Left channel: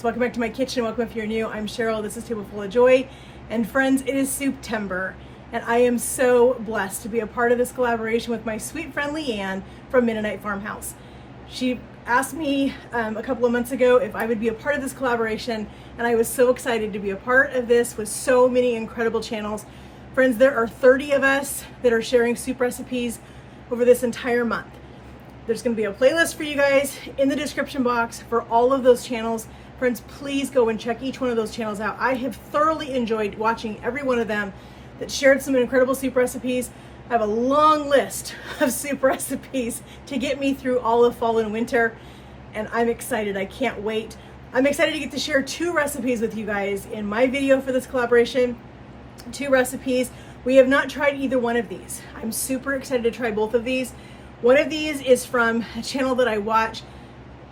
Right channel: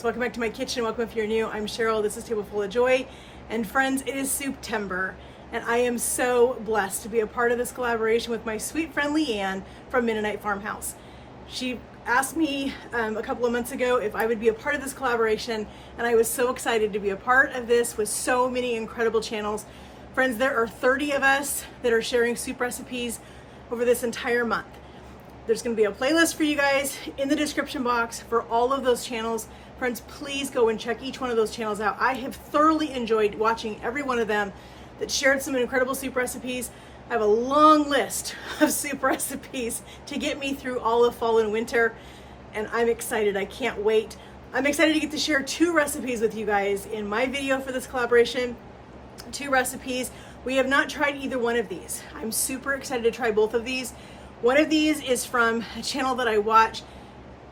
friends, welcome back to my kitchen. Welcome if you're new. I'm Cheryl. This is Table Full of Joy. And friends, it is Souptember, and I am so blessed to be a part of this collaboration with my sweet friend Leanne from Mennonite Farmhouse. She asked me a couple of months ago if I would be a part of this collaboration, and I was so excited to be a part of this with so many incredible channels. Friends, there are 30 of us that are sharing soup recipes over this entire month. There's going to be a playlist for you guys in the description box for all of those channels. Friends, please go and check each one of those channels out. I have thoroughly enjoyed watching every one of them that shared some incredible soup recipes. I have a long list of soup recipes to get me through all of fall and winter, and I'm excited. I can't wait. I'm excited to get to share 2 recipes with you guys in my video for this collaboration. 2 recipes. We have not tried either one of these. I'm super excited to try both of these. One of these is from a channel that I watch.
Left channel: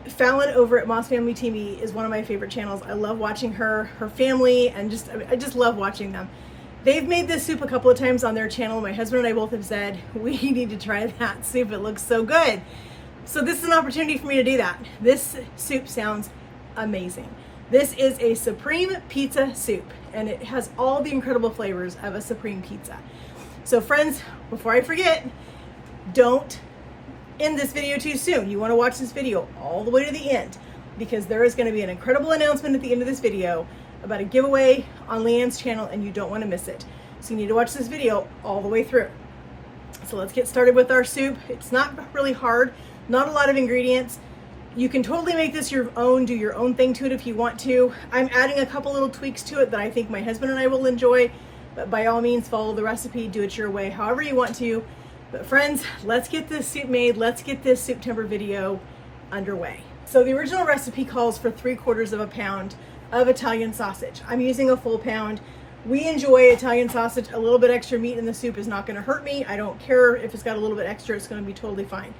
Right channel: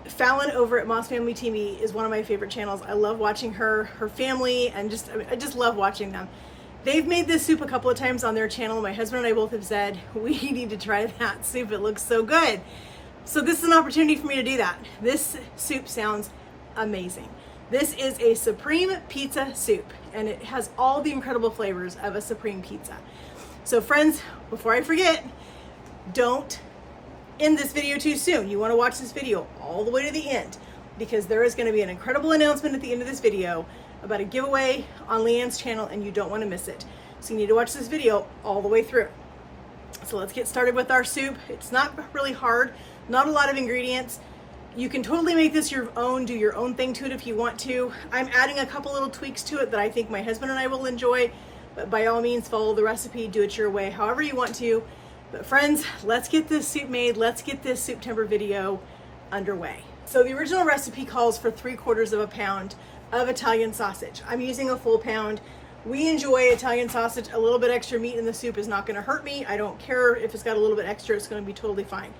Fallon over at Moss Family TV is one of my favorite channels. I love watching her family, and I just love watching them. They've made this soup a couple of times on their channel. My husband and I both have said, we need to try that soup. It looks so good. So this is an opportunity for me to do that. This soup sounds amazing. This is a Supreme pizza soup, and it has all the incredible flavors of a Supreme pizza. So friends, before I forget, don't end this video too soon. You want to watch this video all the way to the end, because there is going to be an incredible announcement at the end of this video about a giveaway on Leanne's channel, and you don't want to miss it. So you need to watch this video all the way through. So let's get started with our soup. It's not really hard, not a lot of ingredients. You can totally make this your own, do your own thing to it if you want to. I'm adding a couple little tweaks to it that I think my husband and I will enjoy, but by all means follow the recipe, do it your way, however you want to. But friends, let's get this soup made. Let's get this Souptember video underway. So the original recipe calls for 3/4 pound of Italian sausage. I'm using a full pound. We enjoy Italian sausage. A little bit extra meat in the soup is not going to hurt me. I don't care if it's got a little bit extra, it's going to be totally fine.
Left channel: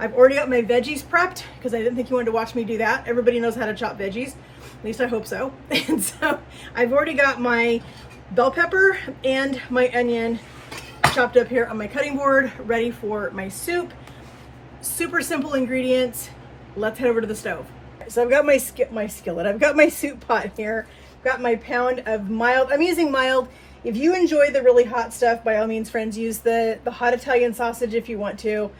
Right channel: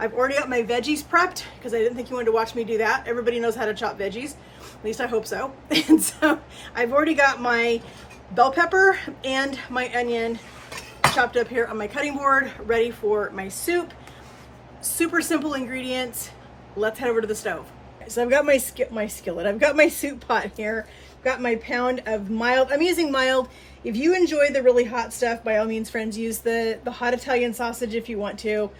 I've already got my veggies prepped because I didn't think you wanted to watch me do that. Everybody knows how to chop veggies. At least I hope so. And so I've already got my bell pepper and my onion chopped up here on my cutting board, ready for my soup. Super simple ingredients. Let's head over to the stove. So I've got my skillet. I've got my soup pot here. I've got my pound of mild. I'm using mild. If you enjoy the really hot stuff, by all means, friends, use the hot Italian sausage if you want to.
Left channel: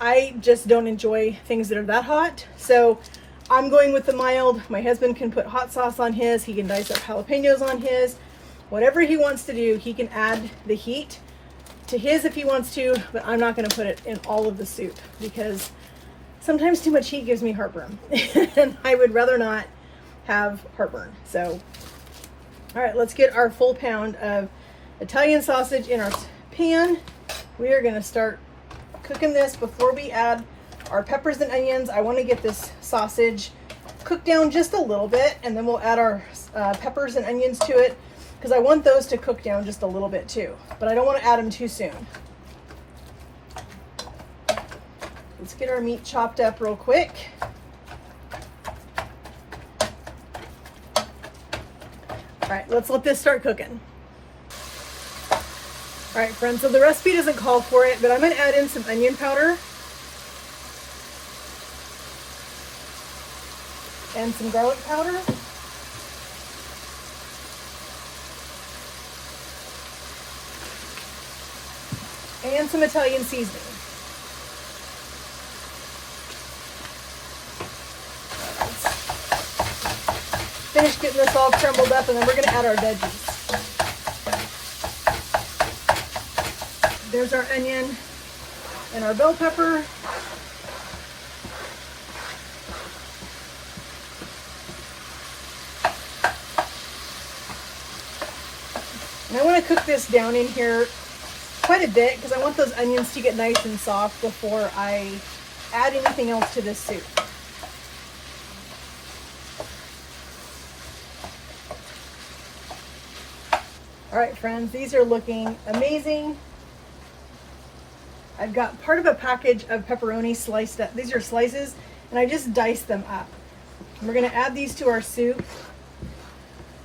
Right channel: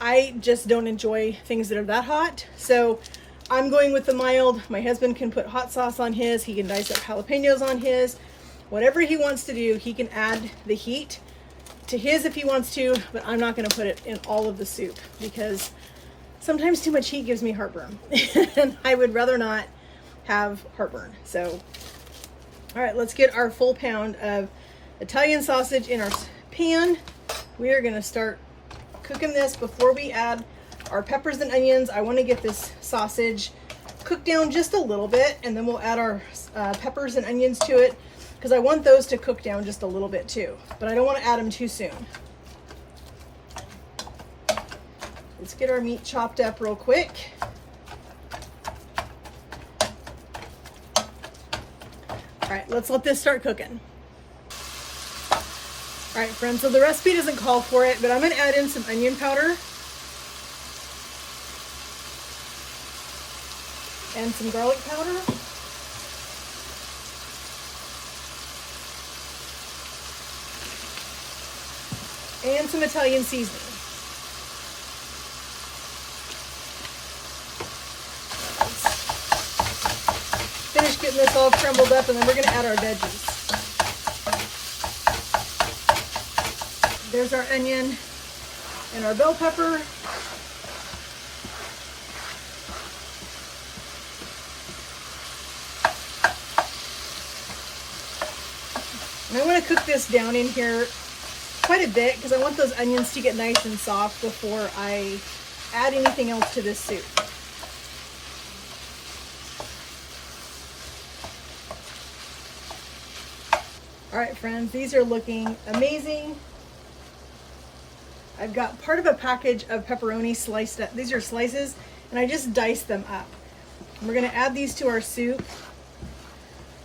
I just don't enjoy things that are that hot, so I'm going with the mild. My husband can put hot sauce on his. He can dice up jalapenos on his. Whatever he wants to do, he can add the heat to his if he wants to, but I'm not going to put it in all of the soup because sometimes too much heat gives me heartburn and I would rather not have heartburn. So, all right, let's get our full pound of Italian sausage in our pan. We are going to start cooking this before we add our peppers and onions. I want to get this sausage cooked down just a little bit, and then we'll add our peppers and onions to it, because I want those to cook down just a little bit too, but I don't want to add them too soon. Let's get our meat chopped up real quick. All right, let's let this start cooking. All right, friends, so the recipe doesn't call for it, but I'm going to add in some onion powder and some garlic powder. And some Italian seasoning. Let's finish getting this all crumbled up, and then we're going to add our veggies. There's our onion and our bell pepper. And I want to cook this down in here quite a bit because I want those onions to get nice and soft before I add anything else to this soup. All right, friends, these are looking amazing. I've got part of a package of pepperoni sliced up. These are slices, and I just diced them up. And we're going to add these to our soup.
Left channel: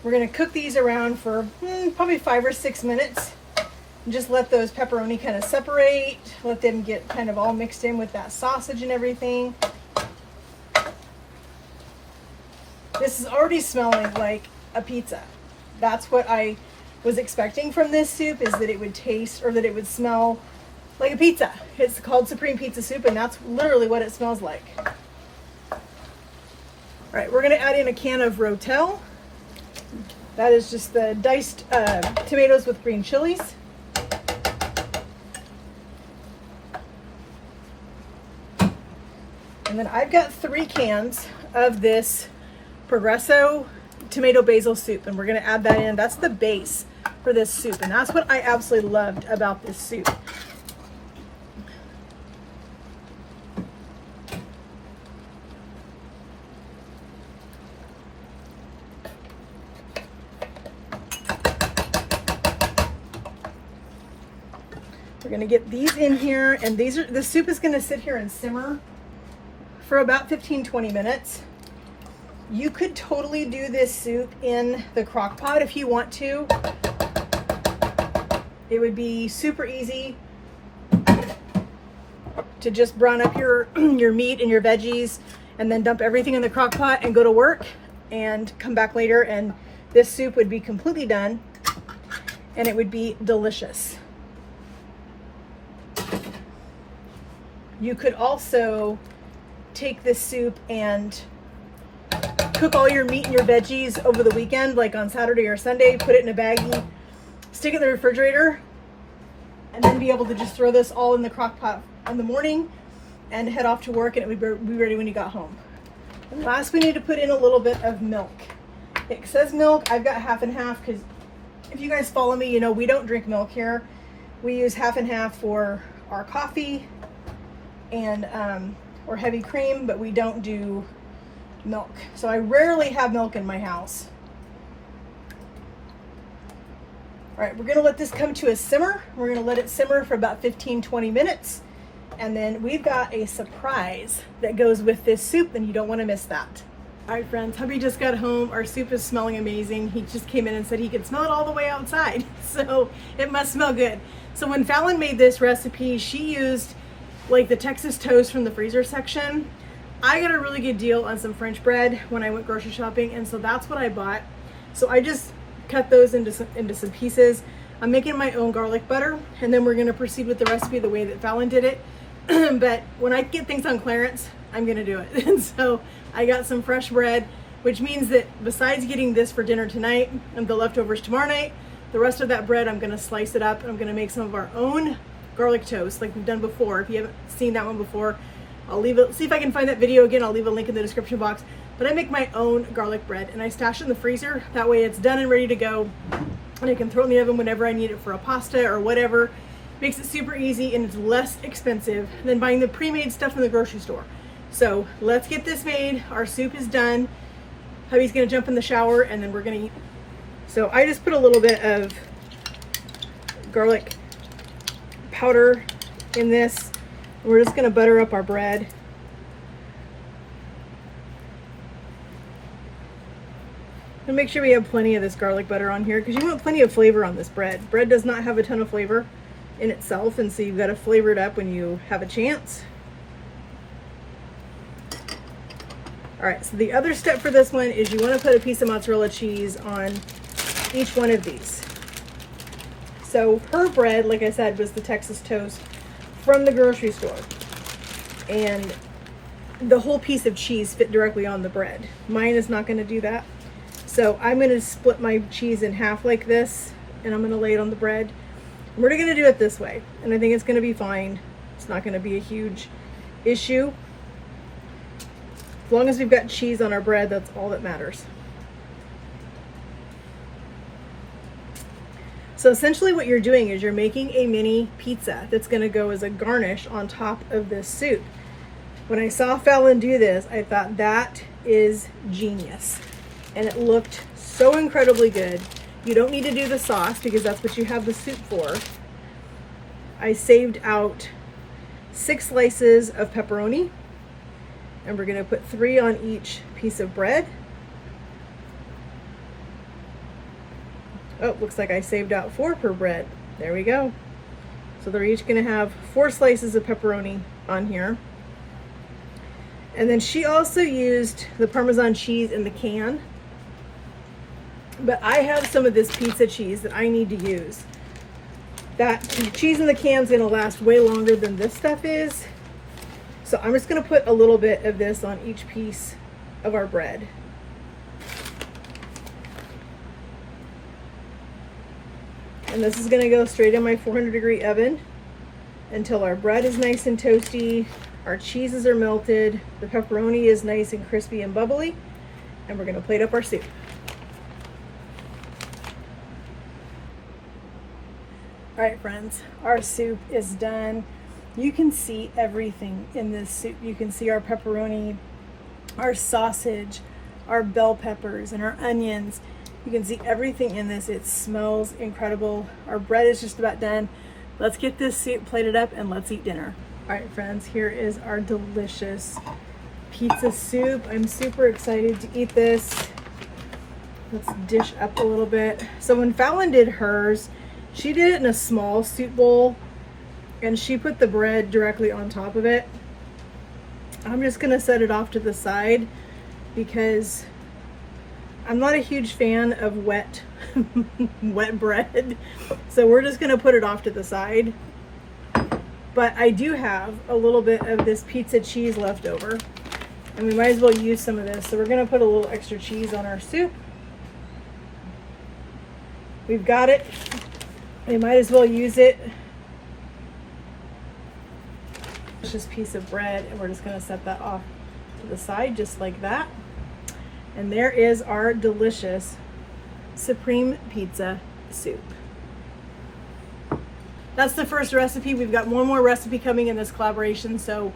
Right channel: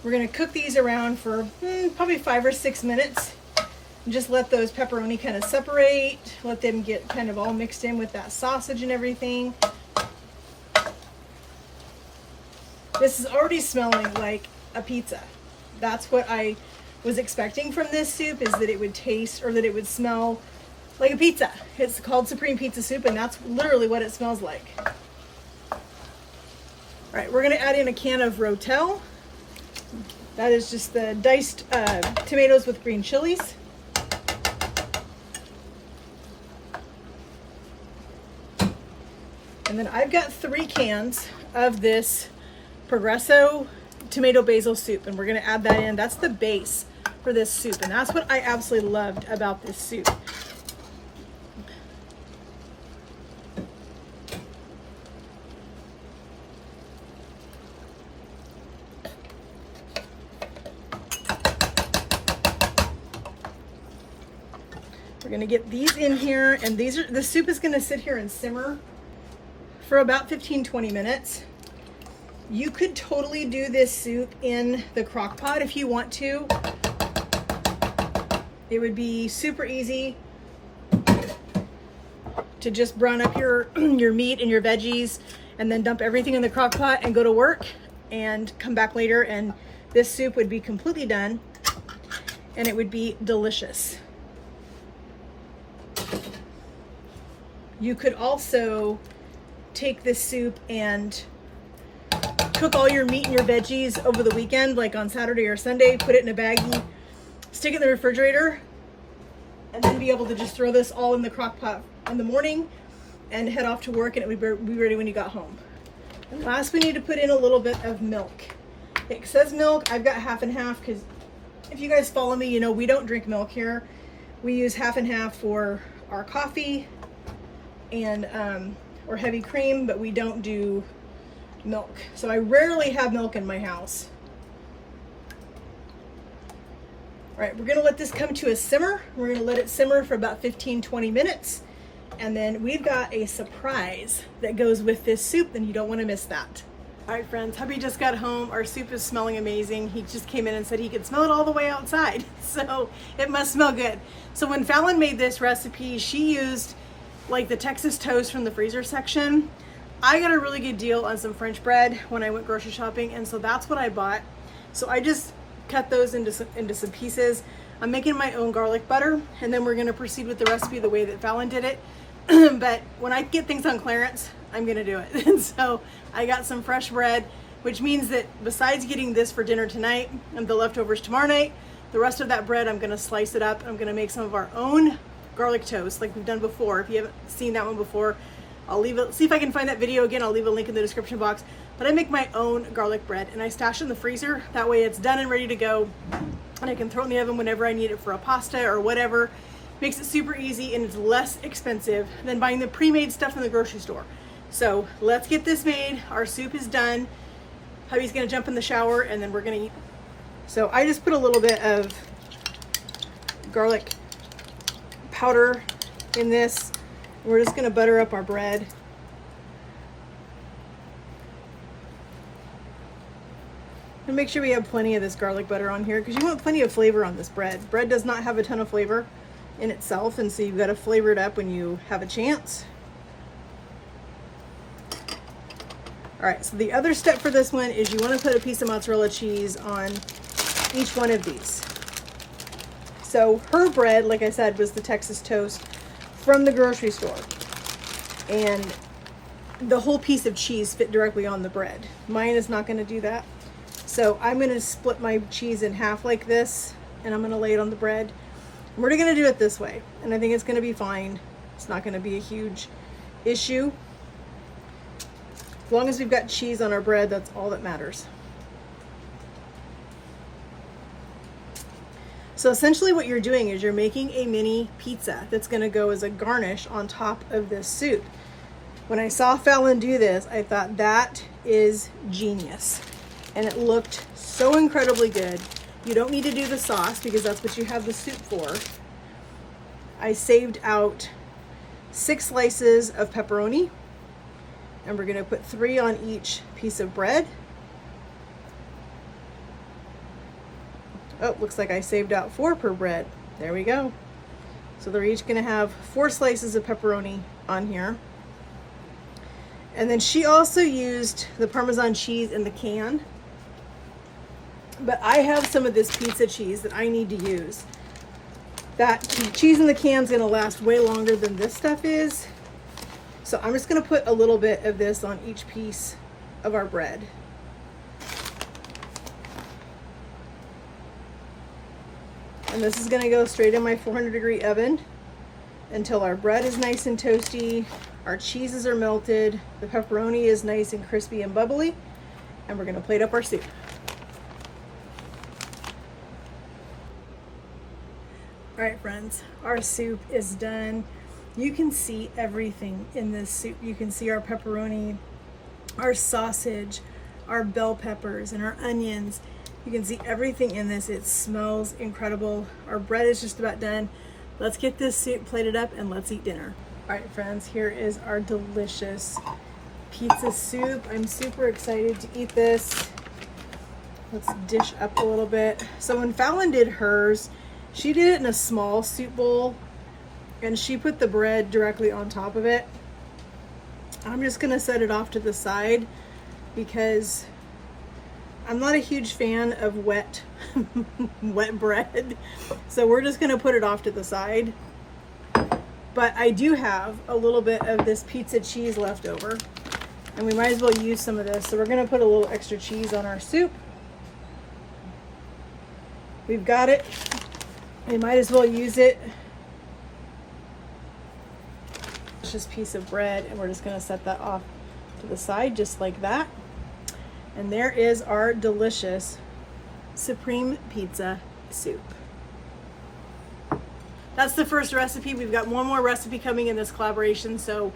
We're going to cook these around for probably 5 or 6 minutes. And just let those pepperoni kind of separate, let them get kind of all mixed in with that sausage and everything. this is already smelling like a pizza. That's what I was expecting from this soup, is that it would taste, or that it would smell like a pizza. It's called Supreme Pizza Soup, and that's literally what it smells like. All right, we're gonna add in a can of Rotel. That is just the diced tomatoes with green chilies. And then I've got 3 cans of this Progresso tomato basil soup, and we're gonna add that in. That's the base for this soup, and that's what I absolutely loved about this soup. We're gonna get these in here, and the soup is gonna sit here and simmer for about 15-20 minutes. You could totally do this soup in the crock pot if you want to. It would be super easy to just brown up your meat and your veggies and then dump everything in the crock pot and go to work and come back later, and this soup would be completely done and it would be delicious. You could also take this soup and cook all your meat and your veggies over the weekend, like on Saturday or Sunday, put it in a baggie, stick it in the refrigerator, and then be able to just throw this all in the crock pot in the morning and head off to work, and it would be ready when you got home. And last, we need to put in a little bit of milk. It says milk, I've got half and half, because if you guys follow me, you know we don't drink milk here. We use half and half for our coffee and or heavy cream, but we don't do milk. So I rarely have milk in my house. All right, we're gonna let this come to a simmer. We're gonna let it simmer for about 15-20 minutes. And then we've got a surprise that goes with this soup, and you don't wanna miss that. All right, friends, hubby just got home. Our soup is smelling amazing. He just came in and said he could smell it all the way outside. So it must smell good. So when Fallon made this recipe, she used like the Texas toast from the freezer section. I got a really good deal on some French bread when I went grocery shopping, and so that's what I bought. So I just cut those into some pieces. I'm making my own garlic butter, and then we're gonna proceed with the recipe the way that Fallon did it. But when I get things on clearance, I'm gonna do it. And so I got some fresh bread, which means that besides getting this for dinner tonight and the leftovers tomorrow night, the rest of that bread, I'm gonna slice it up. I'm gonna make some of our own garlic toast like we've done before. If you haven't seen that one before, I'll leave it, see if I can find that video again. I'll leave a link in the description box. But I make my own garlic bread and I stash it in the freezer. That way it's done and ready to go. And I can throw it in the oven whenever I need it for a pasta or whatever. Makes it super easy, and it's less expensive than buying the pre-made stuff in the grocery store. So let's get this made. Our soup is done. Hubby's gonna jump in the shower and then we're gonna eat. So I just put a little bit of garlic powder in this. We're just gonna butter up our bread. And make sure we have plenty of this garlic butter on here, because you want plenty of flavor on this bread. Bread does not have a ton of flavor in itself, and so you've got to flavor it up when you have a chance. All right, so the other step for this one is you want to put a piece of mozzarella cheese on each one of these. So her bread, like I said, was the Texas toast from the grocery store, and the whole piece of cheese fit directly on the bread. Mine is not going to do that. So I'm going to split my cheese in half like this, and I'm going to lay it on the bread. And we're going to do it this way, and I think it's going to be fine. It's not going to be a huge issue. As long as we've got cheese on our bread, that's all that matters. So essentially what you're doing is you're making a mini pizza that's going to go as a garnish on top of this soup. When I saw Fallon do this, I thought that is genius. And it looked so incredibly good. You don't need to do the sauce because that's what you have the soup for. I saved out 6 slices of pepperoni, and we're gonna put 3 on each piece of bread. Oh, looks like I saved out 4 per bread. There we go. So they're each gonna have 4 slices of pepperoni on here. And then she also used the Parmesan cheese in the can. but I have some of this pizza cheese that I need to use. That cheese in the can is going to last way longer than this stuff is. So I'm just going to put a little bit of this on each piece of our bread. And this is going to go straight in my 400-degree oven until our bread is nice and toasty, our cheeses are melted, the pepperoni is nice and crispy and bubbly, and we're going to plate up our soup. All right, friends, our soup is done. You can see everything in this soup. You can see our pepperoni, our sausage, our bell peppers, and our onions. You can see everything in this. It smells incredible. Our bread is just about done. Let's get this soup plated up and let's eat dinner. All right, friends, here is our delicious pizza soup. I'm super excited to eat this. Let's dish up a little bit. So when Fallon did hers, she did it in a small soup bowl and she put the bread directly on top of it. I'm just gonna set it off to the side because I'm not a huge fan of wet bread. So we're just gonna put it off to the side. But I do have a little bit of this pizza cheese left over and we might as well use some of this. So we're gonna put a little extra cheese on our soup. We've got it. We might as well use it. It's just a piece of bread and we're just gonna set that off to the side just like that. And there is our delicious Supreme Pizza soup. That's the first recipe. We've got one more recipe coming in this collaboration, so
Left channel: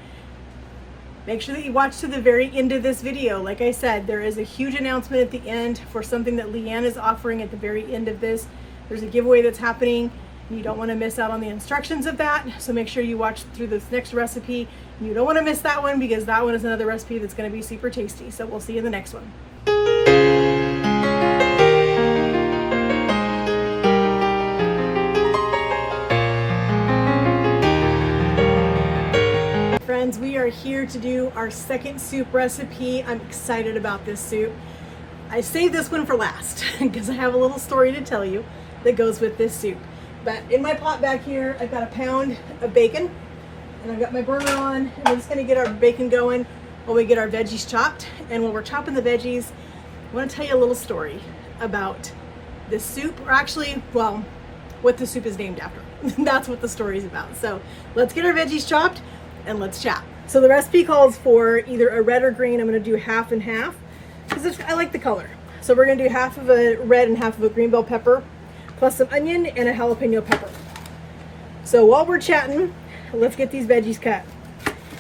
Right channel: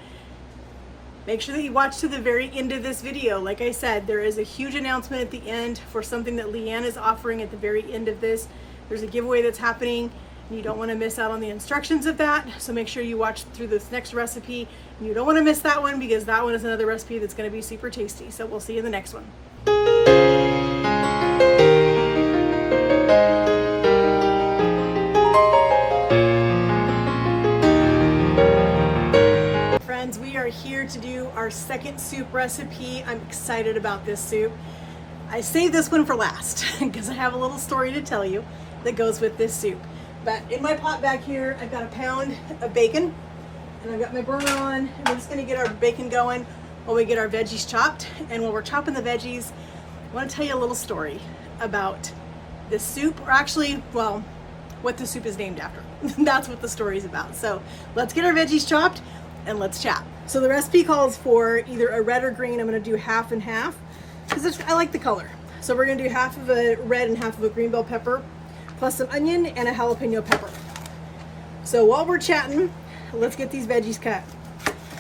make sure that you watch to the very end of this video. Like I said, there is a huge announcement at the end for something that Leanne is offering at the very end of this. There's a giveaway that's happening. You don't want to miss out on the instructions of that, so make sure you watch through this next recipe. You don't want to miss that one because that one is another recipe that's going to be super tasty. So we'll see you in the next one. Friends, we are here to do our second soup recipe. I'm excited about this soup. I saved this one for last because I have a little story to tell you that goes with this soup. But in my pot back here, I've got a pound of bacon and I've got my burner on and we're just gonna get our bacon going while we get our veggies chopped. And when we're chopping the veggies, I want to tell you a little story about the soup, or actually, well, what the soup is named after. That's what the story is about. So let's get our veggies chopped and let's chat. So the recipe calls for either a red or green. I'm going to do half and half because I like the color. So we're going to do half of a red and half of a green bell pepper, plus some onion and a jalapeno pepper. So while we're chatting, let's get these veggies cut.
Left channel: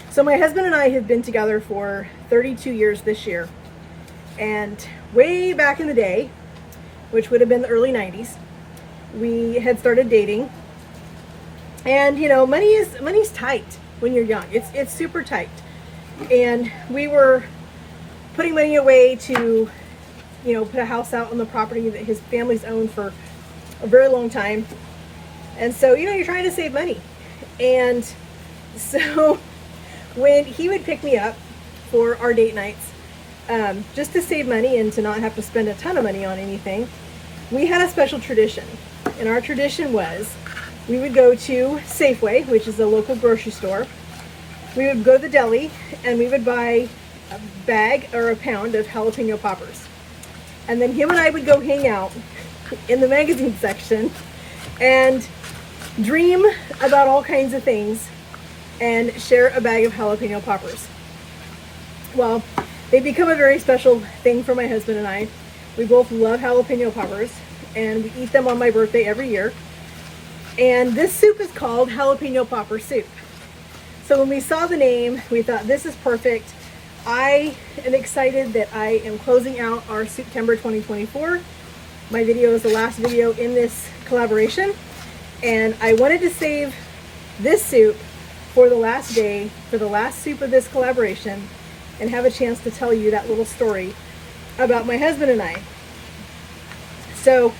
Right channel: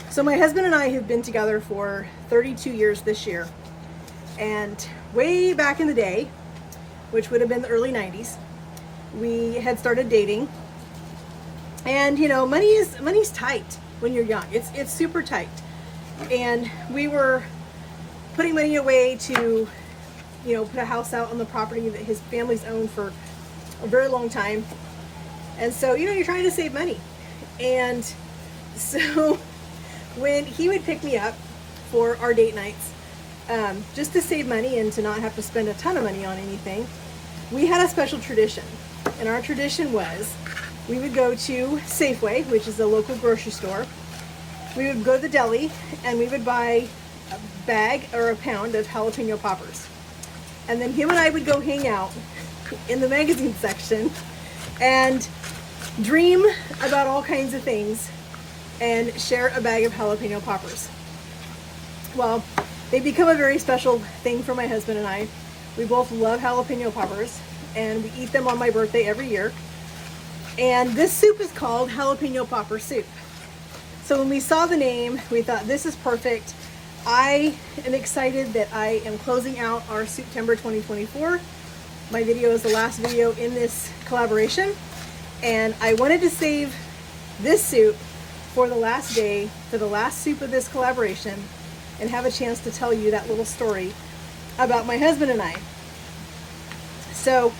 So my husband and I have been together for 32 years this year. And way back in the day, which would have been the early 90s, we had started dating. And you know, money's tight when you're young. It's super tight. And we were putting money away to, you know, put a house out on the property that his family's owned for a very long time. And so, you know, you're trying to save money. And so when he would pick me up for our date nights, just to save money and to not have to spend a ton of money on anything, we had a special tradition. And our tradition was we would go to Safeway, which is a local grocery store. We would go to the deli and we would buy a bag or a pound of jalapeno poppers. And then him and I would go hang out in the magazine section and dream about all kinds of things and share a bag of jalapeno poppers. Well, they become a very special thing for my husband and I. We both love jalapeno poppers and we eat them on my birthday every year. And this soup is called jalapeno popper soup. So when we saw the name, we thought this is perfect. I am excited that I am closing out our Souptember 2024. My video is the last video in this collaboration. And I wanted to save this soup for the last day, for the last soup of this collaboration, and have a chance to tell you that little story about my husband and I. So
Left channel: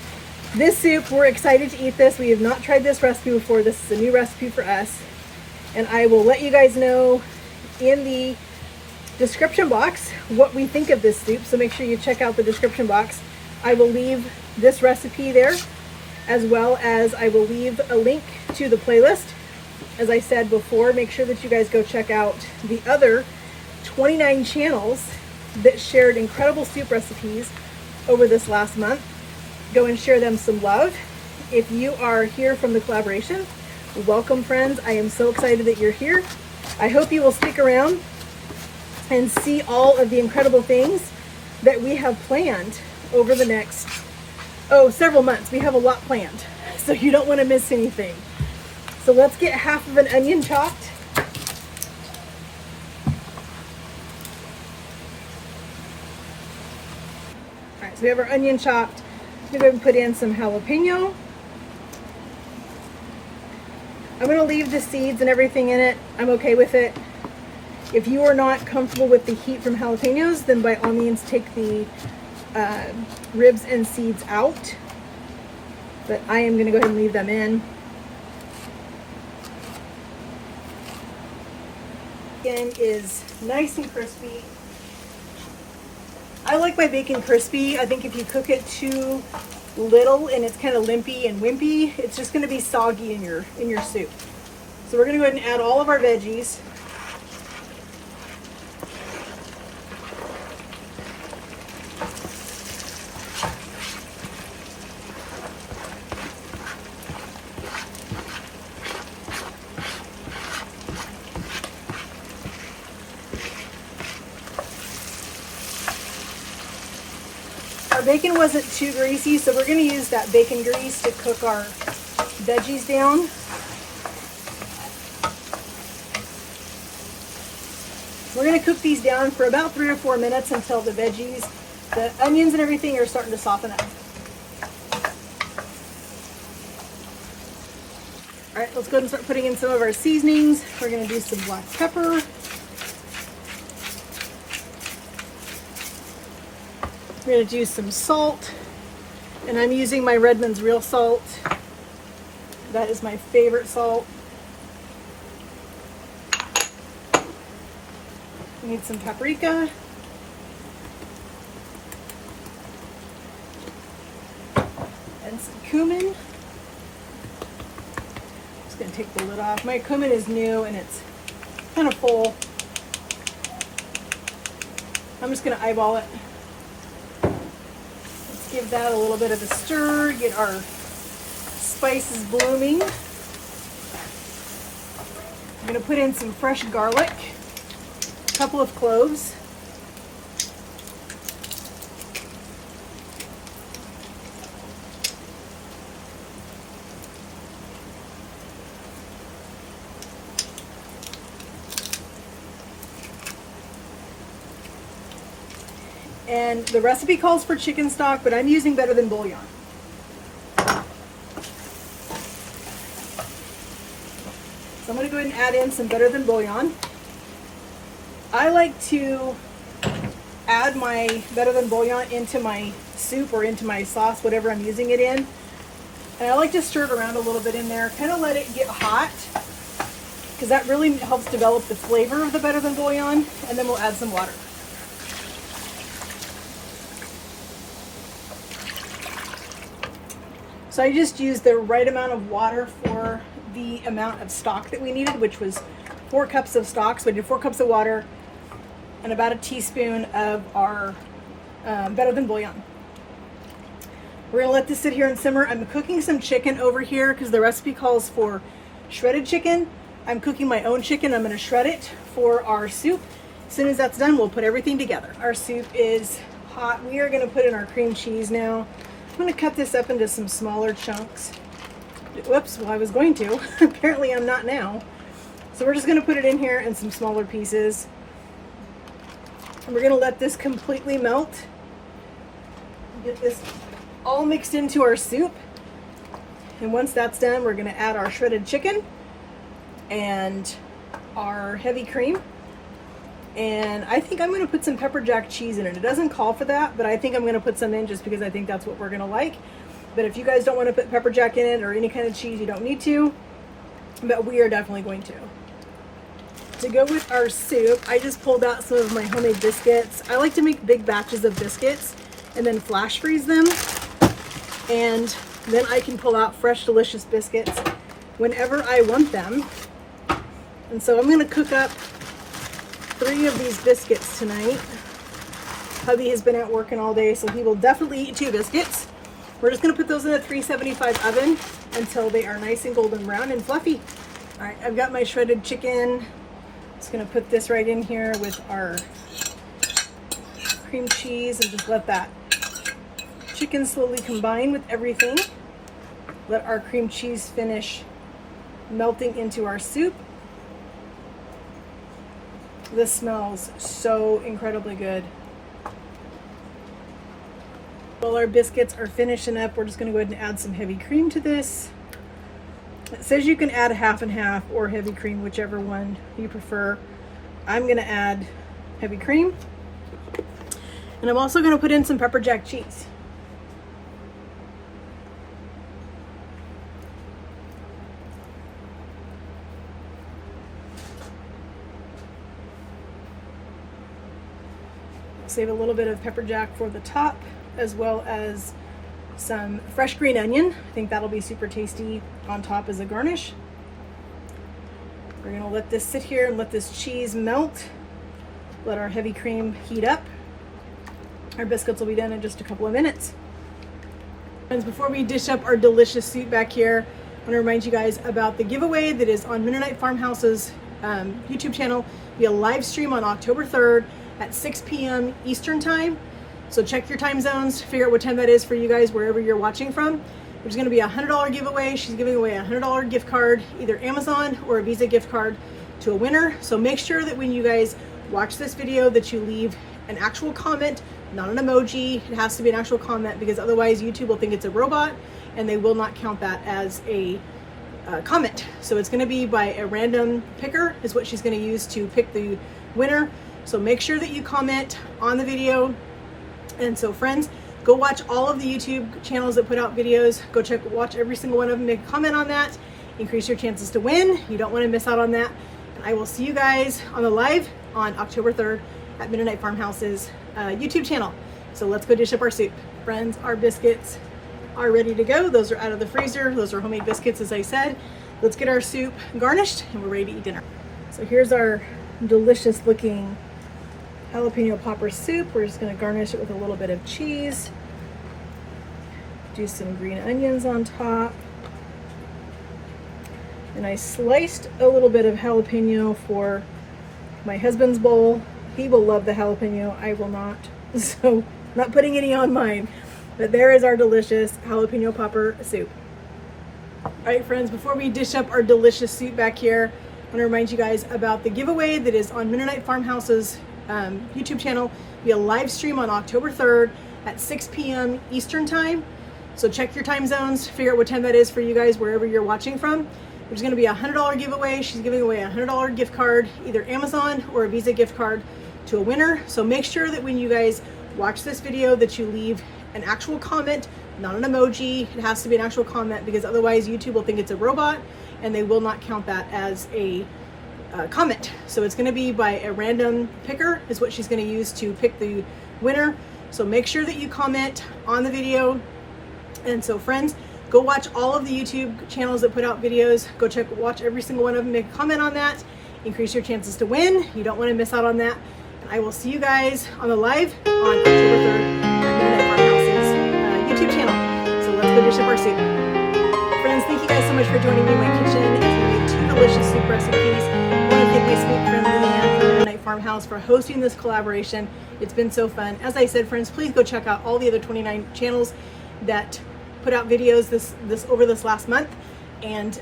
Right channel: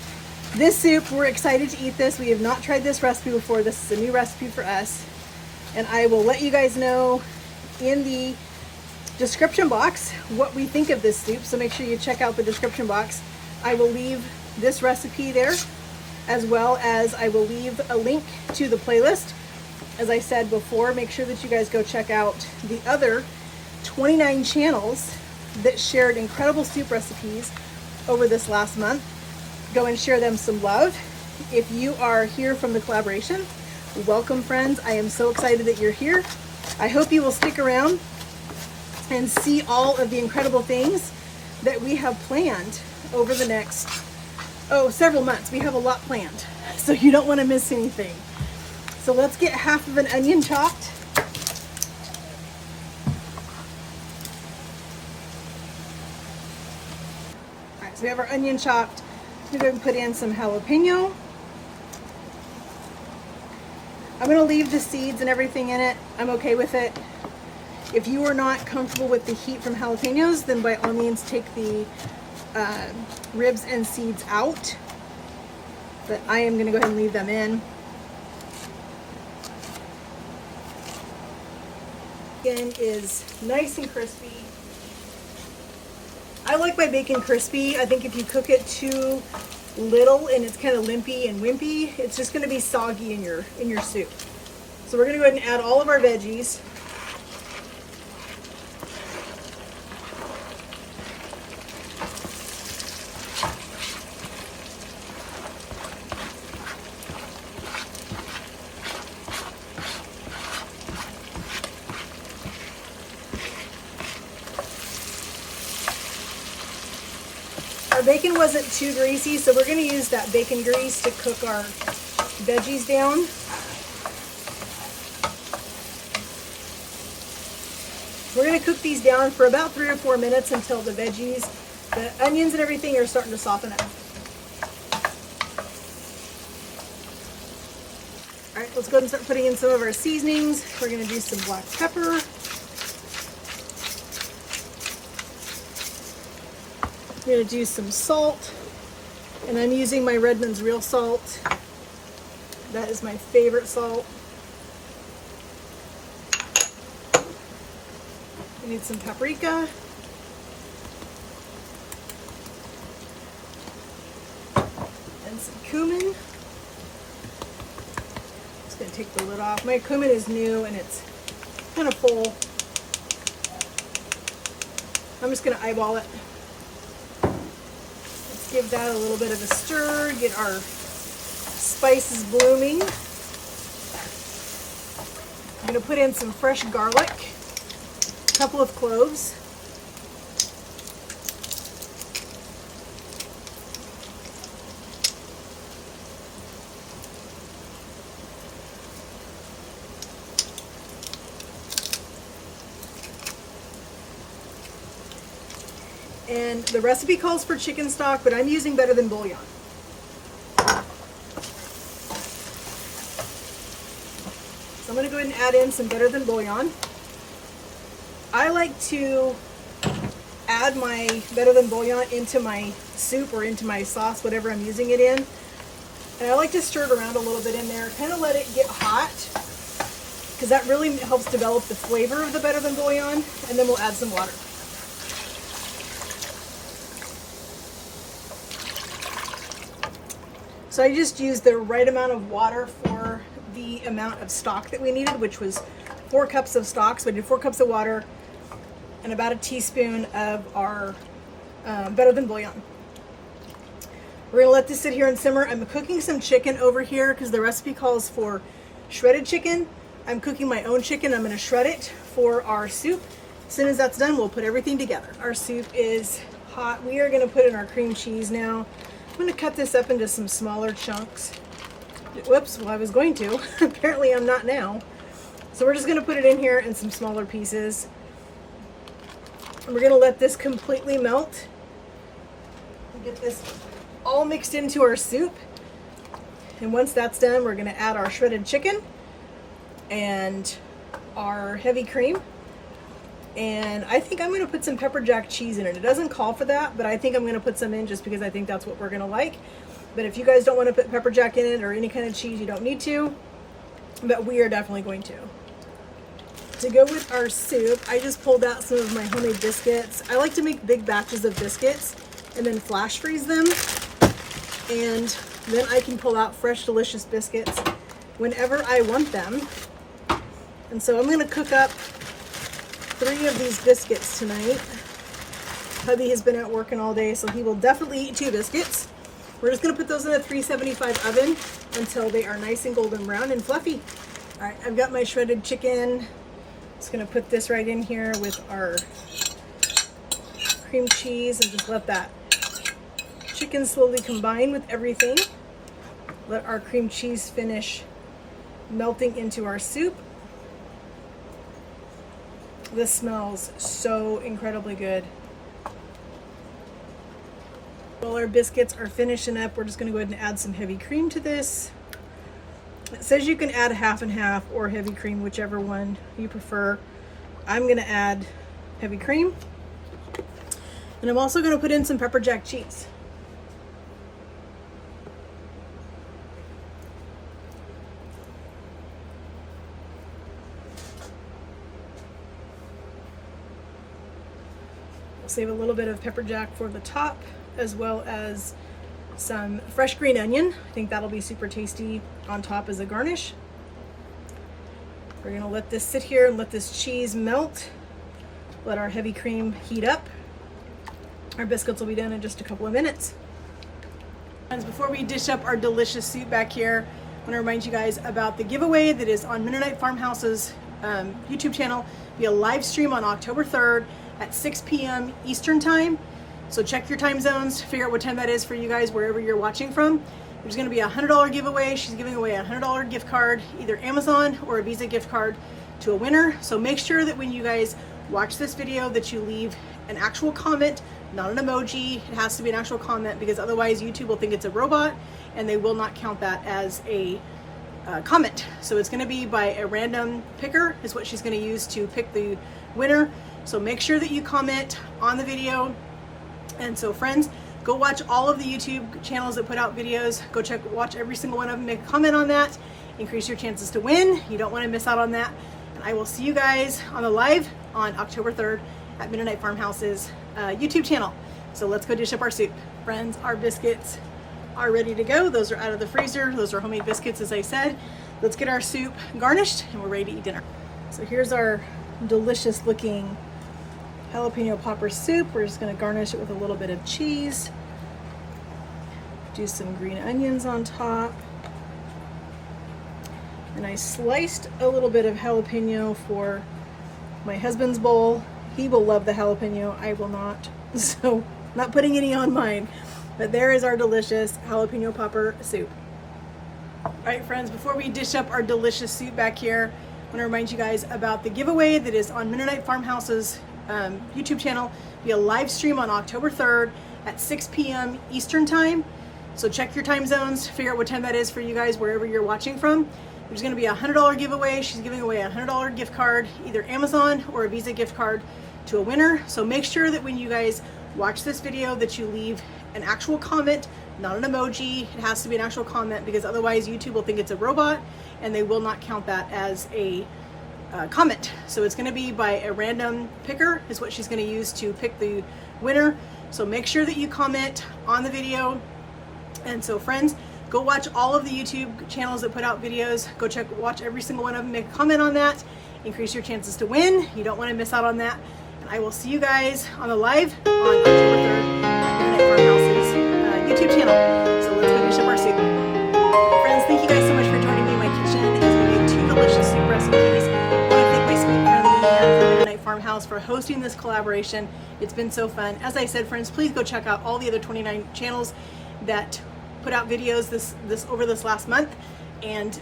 this soup, we're excited to eat this. We have not tried this recipe before. This is a new recipe for us. And I will let you guys know in the description box what we think of this soup. So make sure you check out the description box I will leave this recipe there, as well as I will leave a link to the playlist. As I said before, make sure that you guys go check out the other 29 channels that shared incredible soup recipes over this last month. Go and share them some love. If you are here from the collaboration, welcome friends. I am so excited that you're here. I hope you will stick around and see all of the incredible things that we have planned over the next, several months. We have a lot planned, so you don't want to miss anything. So let's get half of an onion chopped. All right, so we have our onion chopped. I'm going to put in some jalapeno. I'm going to leave the seeds and everything in it. I'm okay with it. If you are not comfortable with the heat from jalapenos, then by all means take the ribs and seeds out. But I am going to go ahead and leave them in. Bacon is nice and crispy. I like my bacon crispy. I think if you cook it too little and it's kind of limpy and wimpy, it's just going to be soggy in your soup. So we're going to go ahead and add all of our veggies. Our bacon wasn't too greasy, so we're going to use that bacon grease to cook our veggies down. We're going to cook these down for about 3 or 4 minutes until the veggies, the onions and everything are starting to soften up. All right, let's go ahead and start putting in some of our seasonings. We're going to do some black pepper. We're going to do some salt, and I'm using my Redmond's real salt. That is my favorite salt. We need some paprika. And some cumin. Just going to take the lid off. My cumin is new and it's kind of full. I'm just going to eyeball it. Give that a little bit of a stir, get our spices blooming. I'm going to put in some fresh garlic, a couple of cloves. And the recipe calls for chicken stock, but I'm using Better Than Bouillon. So I'm going to go ahead and add in some Better Than Bouillon. I like to add my Better Than Bouillon into my soup or into my sauce, whatever I'm using it in. And I like to stir it around a little bit in there, kind of let it get hot, because that really helps develop the flavor of the Better Than Bouillon. And then we'll add some water. So I just used the right amount of water for the amount of stock that we needed, which was 4 cups of stock. So I did 4 cups of water and about a teaspoon of our Better Than Bouillon. We're gonna let this sit here and simmer. I'm cooking some chicken over here because the recipe calls for shredded chicken. I'm cooking my own chicken. I'm gonna shred it for our soup. As soon as that's done, we'll put everything together. Our soup is hot. We are gonna put in our cream cheese now. I'm going to cut this up into some smaller chunks. Whoops, well I was going to. Apparently I'm not now. So we're just going to put it in here in some smaller pieces. And we're going to let this completely melt. Get this all mixed into our soup. And once that's done, we're going to add our shredded chicken and our heavy cream. And I think I'm going to put some pepper jack cheese in it. It doesn't call for that, but I think I'm going to put some in just because I think that's what we're going to like. But if you guys don't want to put pepper jack in it or any kind of cheese, you don't need to. But we are definitely going to. To go with our soup, I just pulled out some of my homemade biscuits. I like to make big batches of biscuits and then flash freeze them. And then I can pull out fresh, delicious biscuits whenever I want them. And so I'm gonna cook up 3 of these biscuits tonight. Hubby has been out working all day, so he will definitely eat 2 biscuits. We're just gonna put those in a 375 oven until they are nice and golden brown and fluffy. All right, I've got my shredded chicken. Just gonna put this right in here with our cream cheese and just let that chicken slowly combine with everything. Let our cream cheese finish melting into our soup. This smells so incredibly good. While our biscuits are finishing up, we're just going to go ahead and add some heavy cream to this. It says you can add half and half or heavy cream, whichever one you prefer. I'm going to add heavy cream. And I'm also going to put in some pepper jack cheese. I'll save a little bit of pepper jack for the top, as well as some fresh green onion. I think that'll be super tasty on top as a garnish. We're gonna let this sit here and let this cheese melt. Let our heavy cream heat up. Our biscuits will be done in just a couple of minutes. Friends, before we dish up our delicious soup back here, I want to remind you guys about the giveaway that is on Mennonite Farmhouse's YouTube channel via live stream on October 3rd at 6 p.m. Eastern time. So check your time zones, figure out what time that is for you guys wherever you're watching from. There's going to be a $100 giveaway. She's giving away a $100 gift card, either Amazon or a Visa gift card, to a winner. So make sure that when you guys watch this video that you leave an actual comment, not an emoji. It has to be an actual comment, because otherwise YouTube will think it's a robot and they will not count that as a comment. So it's going to be by a random picker is what she's going to use to pick the winner. So make sure that you comment on the video. And so friends, go watch all of the YouTube channels that put out videos. Go watch every single one of them, make a comment on that, increase your chances to win. You don't want to miss out on that. And I will see you guys on the live on October 3rd at Mennonite Farmhouse's YouTube channel. So let's go dish up our soup. Friends, our biscuits are ready to go. Those are out of the freezer. Those are homemade biscuits, as I said. Let's get our soup garnished and we're ready to eat dinner. So here's our delicious looking jalapeno popper soup. We're just going to garnish it with a little bit of cheese. Do some green onions on top. And I sliced a little bit of jalapeno for my husband's bowl. He will love the jalapeno. I will not. So not putting any on mine. But there is our delicious jalapeno popper soup. All right, friends, before we dish up our delicious soup back here, I want to remind you guys about the giveaway that is on Mennonite Farmhouse's YouTube channel via live stream on October 3rd at 6 p.m. Eastern time. So check your time zones, figure out what time that is for you guys wherever you're watching from. There's going to be a $100 giveaway. She's giving away a $100 gift card, either Amazon or a Visa gift card, to a winner. So make sure that when you guys watch this video that you leave an actual comment, not an emoji. It has to be an actual comment, because otherwise YouTube will think it's a robot and they will not count that as a comment. So it's going to be by a random picker is what she's going to use to pick the winner. So make sure that you comment on the video. And so friends, go watch all of the YouTube channels that put out videos. Go watch every single one of them, make a comment on that, increase your chances to win. You don't want to miss out on that. And I will see you guys on the live on October 3rd at Mennonite Farmhouse's YouTube channel. So let's go dish up our soup. Friends, thank you guys so much for joining me in my kitchen as we made 2 delicious soup recipes. I want to thank my sweet friend Leanne from Mennonite Farmhouse for hosting this collaboration. It's been so fun. As I said, friends, please go check out all the other 29 channels that put out videos this over this last month, and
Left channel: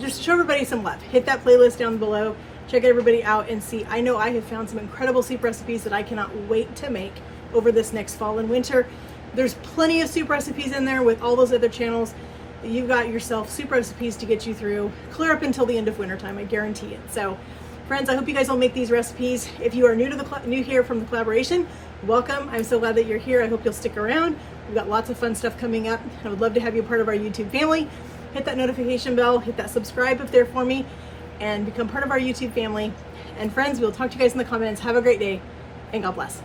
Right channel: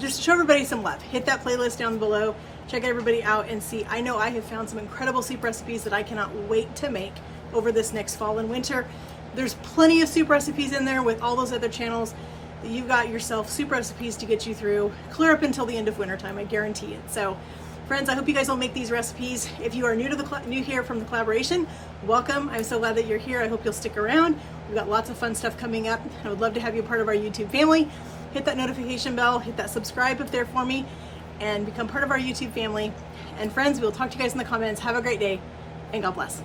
just show everybody some love. Hit that playlist down below. Check everybody out and see. I know I have found some incredible soup recipes that I cannot wait to make over this next fall and winter. There's plenty of soup recipes in there with all those other channels. You've got yourself soup recipes to get you through clear up until the end of winter time, I guarantee it. So friends, I hope you guys will make these recipes. If you are new here from the collaboration, welcome. I'm so glad that you're here. I hope you'll stick around. We've got lots of fun stuff coming up. I would love to have you part of our YouTube family. Hit that notification bell, hit that subscribe up there for me, and become part of our YouTube family. And friends, we'll talk to you guys in the comments. Have a great day, and God bless.